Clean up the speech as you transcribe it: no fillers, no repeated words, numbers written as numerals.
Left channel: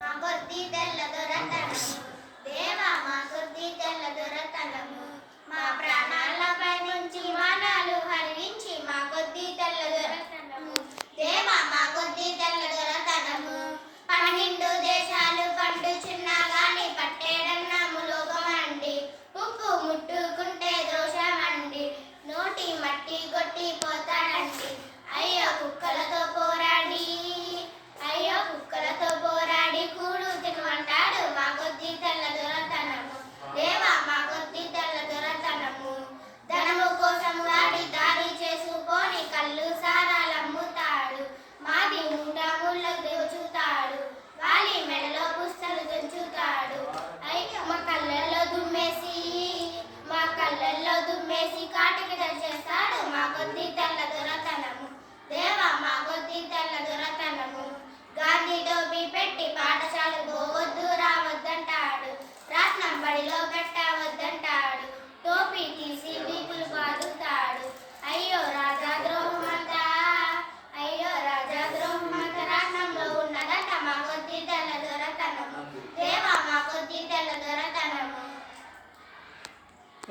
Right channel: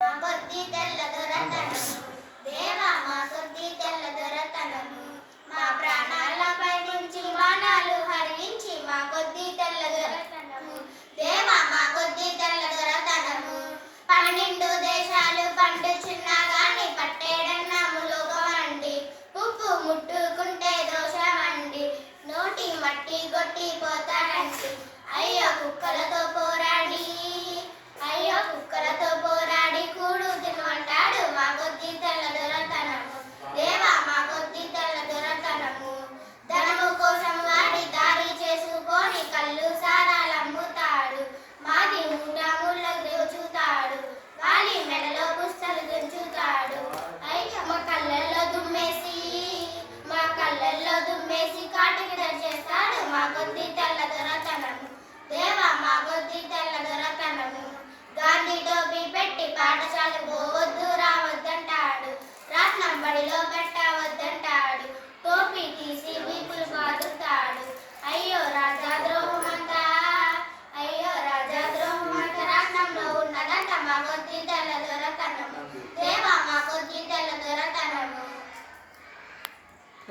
మా కొద్ది తెల్ల దొరతనము దేవా మా కొద్ది తెల్ల దొరతనము మా ప్రాణాలపై నుంచి బాణాలు హరించి మా కొద్ది తెల్ల దొరతనము దేవా మా కొద్ది తెల్ల దొరతనము 12 దేశాలు పండుచున్నా గాని పట్టేడన్నాము లోకమండి ఉప్పు ముట్టుకుంటే దోషమండి నోటి మట్టి కొట్టి పోతాడండి అయ్యో కుక్కలతో పోరాడి కూడు తినమంటాడు మా కొద్ది తెల్ల దొరతనము దేవా మా కొద్ది తెల్ల దొరతనము ధనము కోసం వాడి దారి చేసుకొని కళ్ళు సారాలమ్ముతాడు మాది ముళ్ళకు దోచుతాడు వాలి మెడలో పుస్తలు పెంచుతాడు అయ్యో మా కళ్ళల్లో దుమ్మేసి కాటికి చేస్తాడు మా కొద్ది తెల్ల దొరతనము దేవా మా కొద్ది తెల్ల దొరతనము గాంధీ టోపీ పెట్టి పాఠశాలకు పోవద్దు రావద్దంటాడు రాట్నం బడిలో పెట్టవద్దంటాడు టోపీ తీసి వీపులు పాదుతాడు అయ్యో రాజాద్రోహమంతా రాట్నంలో ఉన్నదంట మా కొద్ది తెల్ల దొరతనము దేవా మా కొద్ది తెల్ల దొరతనము